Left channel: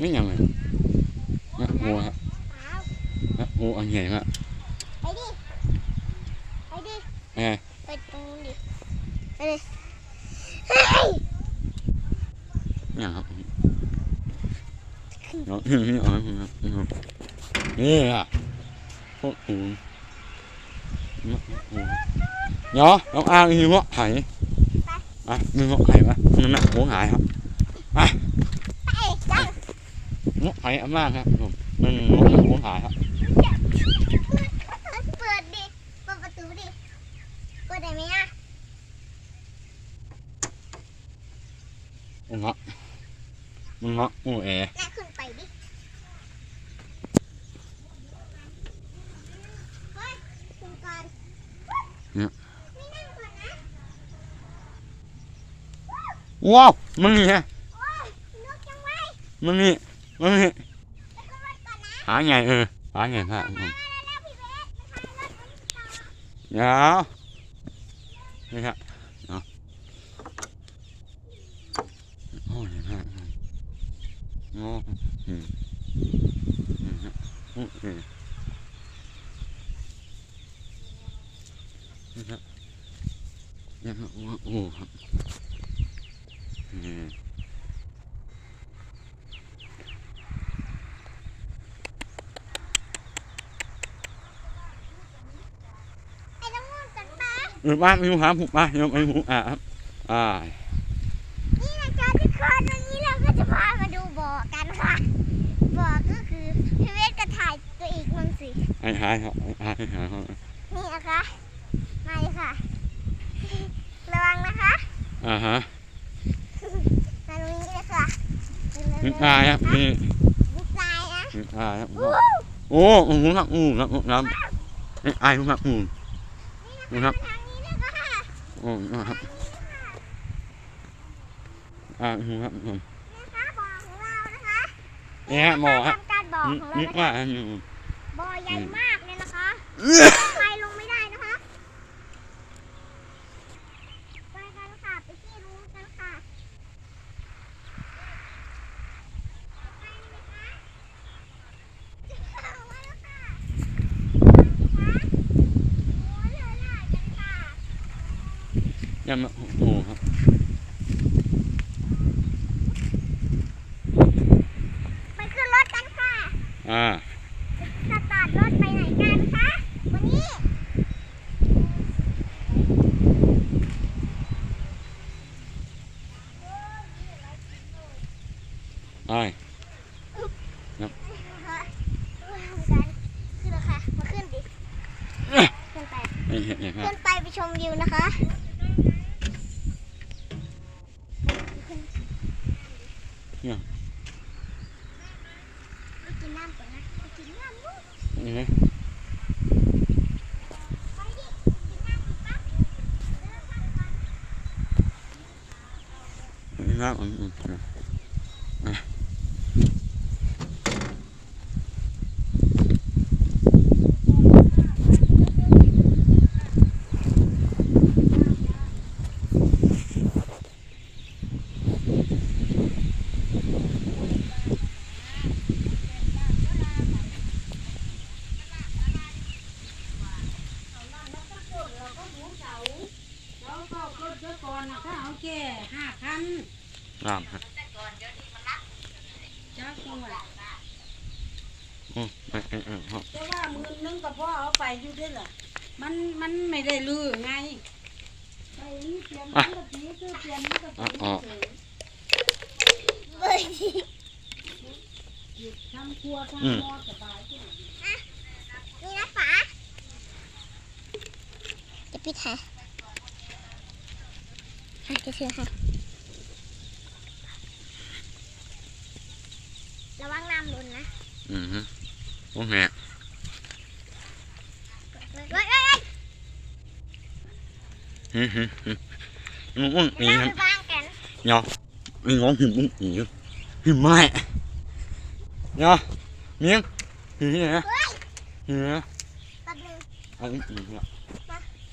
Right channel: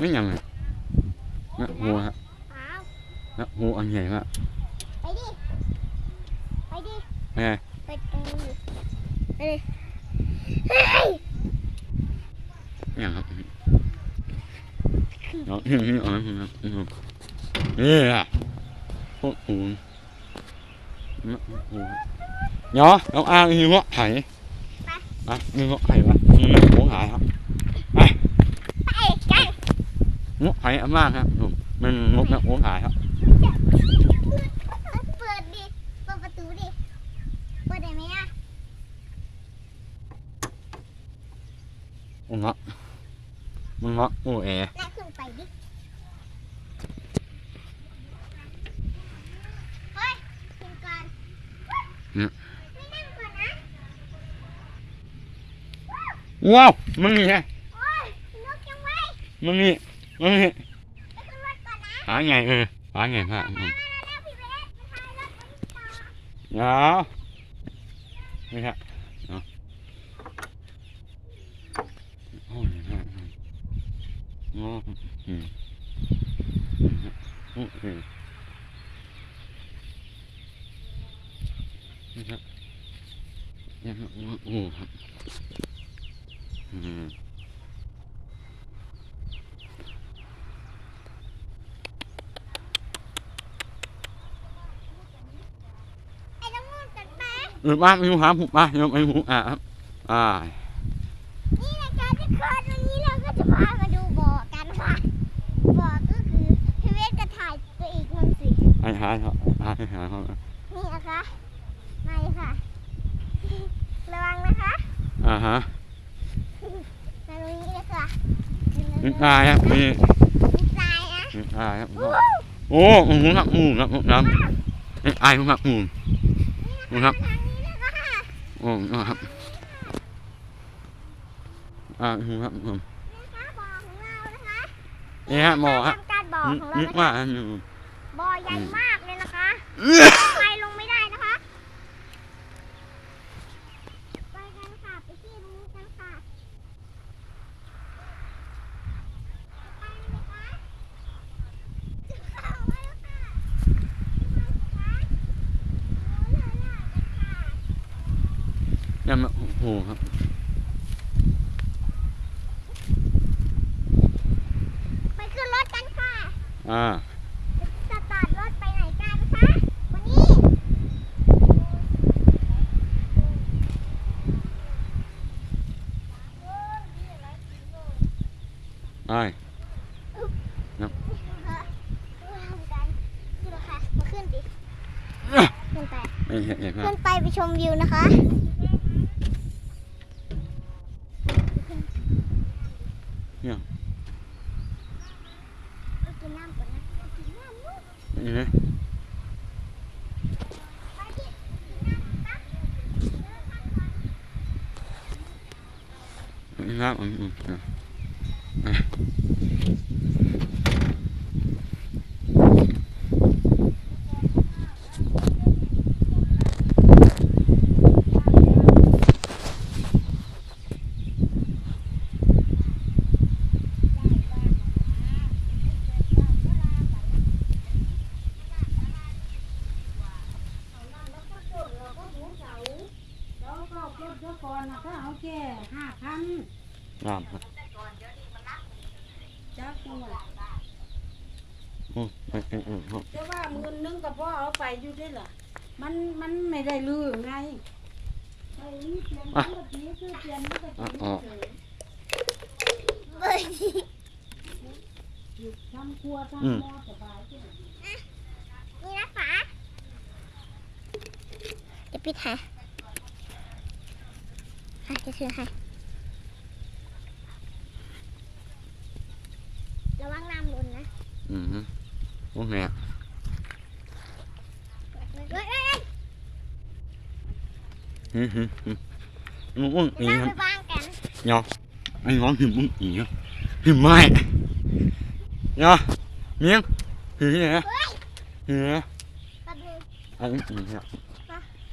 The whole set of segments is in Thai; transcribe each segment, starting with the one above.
ไม่ยังไงนะหัวครับอ้าวนะหัวอันใหญ่มากไปดิไปดิไงไเงาะไผ่อันมากครับผมมันงกนะหัวหายครับเปิดดิเปิดประตูดิเปิดได้ไหมอะมันเงาะมันเงาะโอ้แอนั่งขึ้นไปดิเฮ้ยขึ้นก่อนไม่นั่งก่อนนะว้าวมันนี่ไงโอ้ยนกจังไว้มันนี่มันนี่ไปขึ้นรถก่อนนะหาไงเออหาไงพระผมแล้วพี่เวสมาทำรถไปต่อเดี๋ยวนี่ครับเนาะโอ้ยพระโอ้อืมอืม ครับโอ้อืมนี่ครับนี่ครับโอ้โอ้ครับอืม ไอ้น้องนุ่นกัน มาเออบ้านไปหูหาผูบ้านยมไปหูอะครับอ่านี่นะคะทุกคนวันนี้เราก็จะพามาดูบ่อกันค่ะบ่อก็คือพี่เวสก็ถ่ายตัวอีกมังสิหายหายครับหายหายครับนี่นะคะมาเลยค่ะ ระวังนะคะอ่าฮะมาตรงนี้เลยค่ะนี่ตายครับนี่มีทรายนะนี่ตายครับอู้โอ้โหครับหมูครับหมูครับนี่ตายครับหมูหมูครับทางนี้นะคะ โอ้ครับอ่าหมูครับผมนะคะบ่อของเรานะคะนี่ฮะหมอฮะทำการบ่อนึขกองนึเรากว่าอันนี้บ่อใหญ่มากเลยนะคะไปลงไม่ได้นะคะ ไปกันค่ะ ไปที่ตรงนี้กันค่ะไปไหมคะจะเข้ามาแล้วค่ะไปไหมคะโอ้ยเหลือหลายกันค่ะ ยังโอ้ครับไปขึ้นรถกันค่ะอ่าสตาร์ทรถไปไหนกันคะวันนี้ไปวางกันขึ้นเลยค่ะมาขึ้นดิขึ้นไปนี่เห็นเห็นครับขึ้นไปไปชมวิวนะคะ ไป กินน้ำก่อนนะไปกินน้ำลูกนี่นะไปดิกินน้ำก่นะอืมอืมอะ แล้วก็รถย กก่อนนะถ้าเอาแค่ห้าพันงามครับจักจังหวัดโอ้เออเออเออครับแต่ว่าหมื่นหนึงก็พอเอาไปอยู่ด้วยล่ะมันมันไม่ได้ลือไงไปนี่เปลี่ยนมันก็ตีคือเปลี่ยนมันก็ตีเฉยเฮ้ยทำครัวทำหม้อสบายที่ไหนนี่นะฝาจะปิดให้ให้จะถือให้ระวังน้ำหล่นนะ อืมฮึโอ้แม่เฮ้ยเฮ้ยเฮ้ยฮึฮึฮึมันอ้วนปีน้ำคไปรับบ้างกัน nhỏ anh ngón hiểm bún ỉ hiểm mai nhỏ miếng thì thế này thì nó แป๊บนึง ông ỉ nhỉ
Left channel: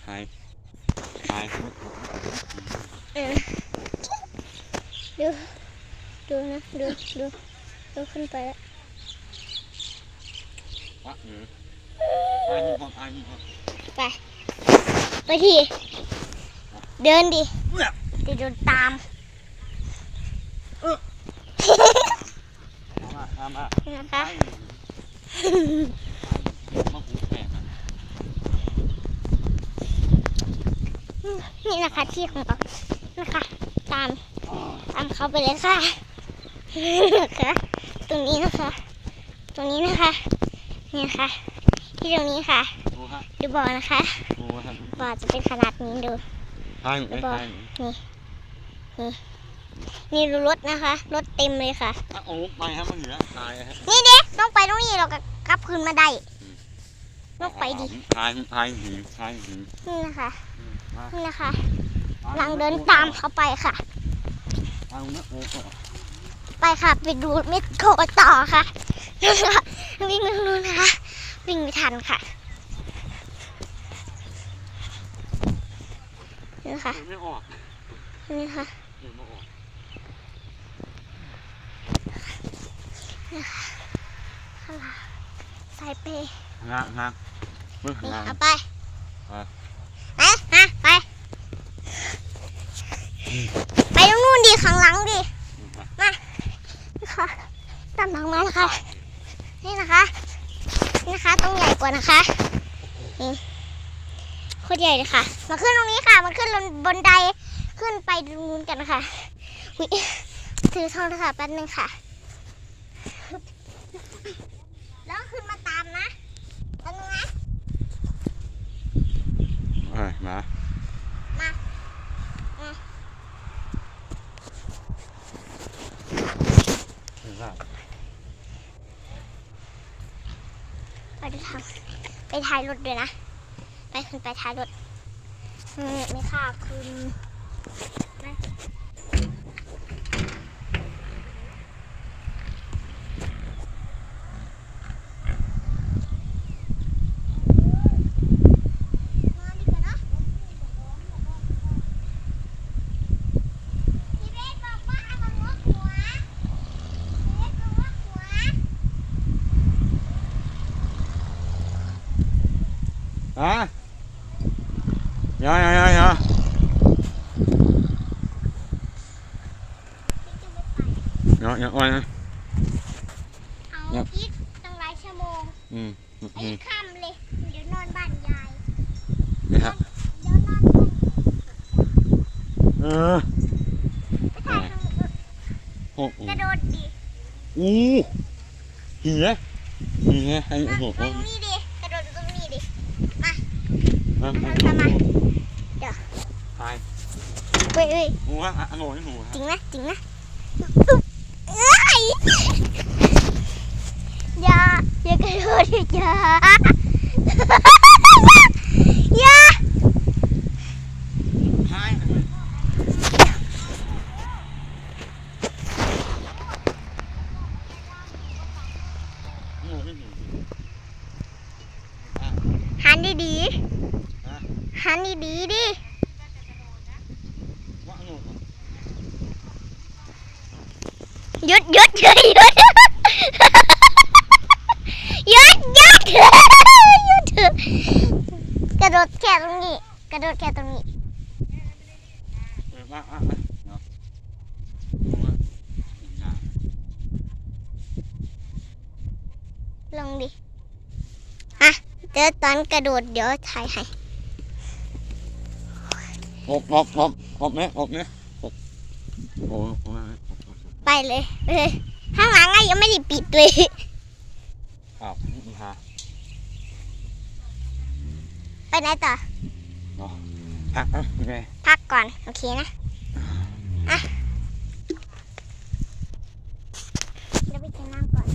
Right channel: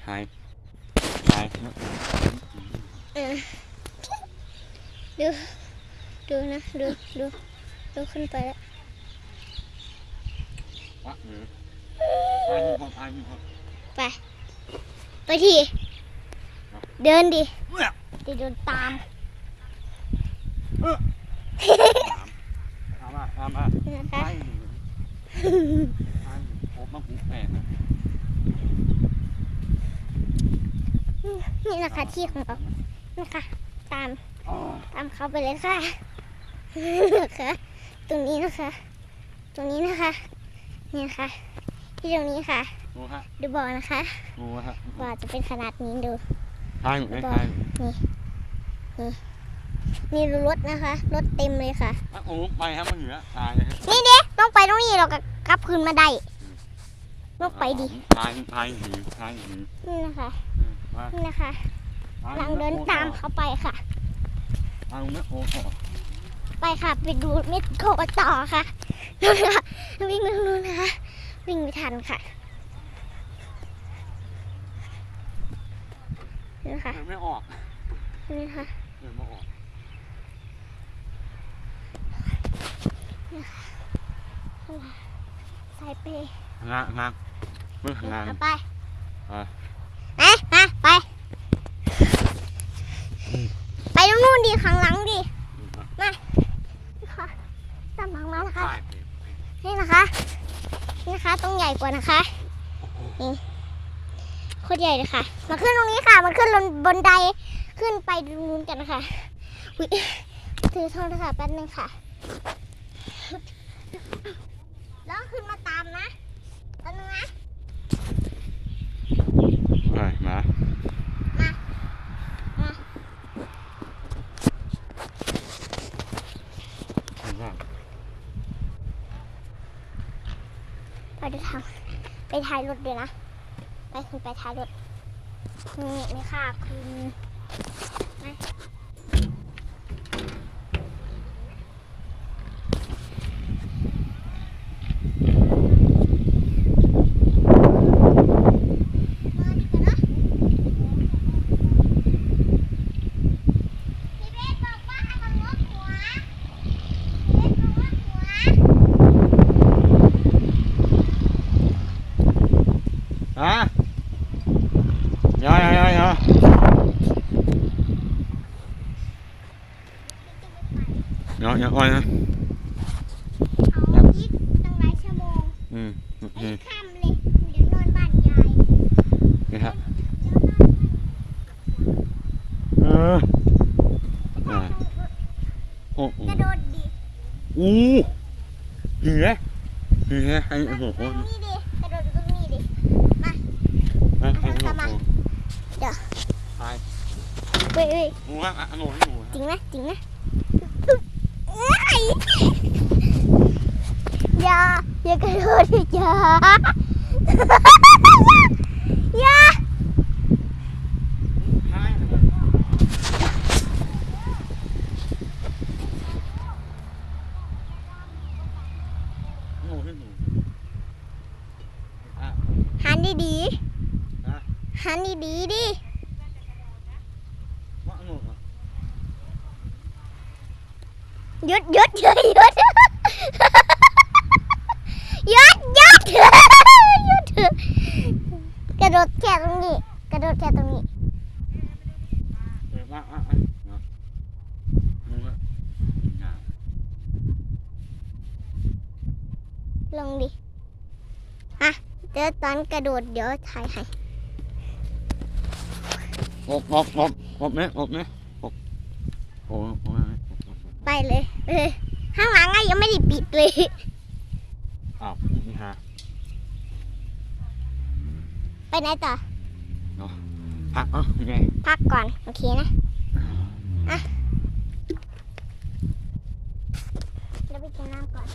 hai hai เออดูดูนะดูดูดูดูขึ้นไปแล้ววะ ดู ดูนะ ดู ดู ดูขึ้นไปแล้วไป ไปที เดินดิดิเดนตามตามอะนะคะนี่นะคะที่ของเรา นะคะตามอ๋อตามเขาไปเลยค่ะนะคะตรงนี้นะคะ ตรงนี้นะคะนี่นะคะ ที่ตรงนี้ค่ะ ดูฮะดูบ่อนะคะดูฮะบ่อจะเป็นขนาดนี้ดูไปหนูไปบอกไปหนูนี่ดูรถนะคะรถเต็มเลยค่ะอะหนูไปฮะมันเหนือตายเลยฮะนี่เด็ต้องไปตรงนี้เราก็กลับคืนมาได้ต้องไปดิตายตายหือตายหือนี่นะคะมานี่นะคะ ไปกำลังเดินตามเขาไปค่ะ เอานะโอ้โหไปค่ะ ไปดูเม็ดโคต่อค่ะนี่ค่ะวิ่งไปทางนู้นนะคะ วิ่งไม่ทันค่ะนี่นะคะเดินไม่ออกนี่ค่ะเดินไม่ออกข้างหลังสายเปย์งานงานเมื่อนี่งานเอาไปไปนะนะไป ไปตรงนู้นดิข้างหลังดินี่ค่ะตามหลังมานะคะ นี่นะคะนี่นะคะต้องใหญ่กว่านะคะนี่โคตรใหญ่เลยค่ะ มาขึ้นตรงนี้ค่ะ มันขึ้นบนไดขึ้นไปตรงนู้นกันนะคะอุ๊ยถือโทรศัพท์แป๊บนึงค่ะ แล้วขึ้นมาตามนะแป๊บนึงนะ ไปมา มา มา ไม่ทราบ ไปดูทาง ไปท้ายรถด้วยนะ ไปขึ้นไปท้ายรถนี่นี่ค่ะคุณนะพี่เบสบอกว่าให้มันยกหัวเบสบอกว่าหัว ฮะยายายายาเนาะอย่าอ้อยนะเอาอีกตั้งหลายชั่วโมงอืมอืมไอ้อืมค่ำเลยเดี๋ยวนอนบ้านยายนี่ฮะเดี๋ยวนอนเออโอ้โหกระโดดดิอู้เหี้ยเหี้ยไอ้มาโอ้โหตรงนี้ดิ กระโดดตรงนี้ดิ มาไอ้โอ้โหเฮ้ยเฮ้ยหมูฮะอะหนูให้หนูจริงนะจริงนะเอ้ยอย่าอย่ากระโดดดิอย่า ยุดยุดยุดยุดยุดยุดยุดกระโดดแค่ตรงนี้ กระโดดแค่ตรงนี้ลงดิอะเดี๋ยวตอนกระโดดเดี๋ยวถ่ายให้หกหกหกหกเนี้ยหกเนี้ยหกโอ้โห เลยข้างหลังไงยังไม่ได้ปิดเลยอ้าวนี่ฮะไปไหนต่อพักอะยังไงพักก่อน โอเคนะอะเดี๋ไปกิน้ำก่อน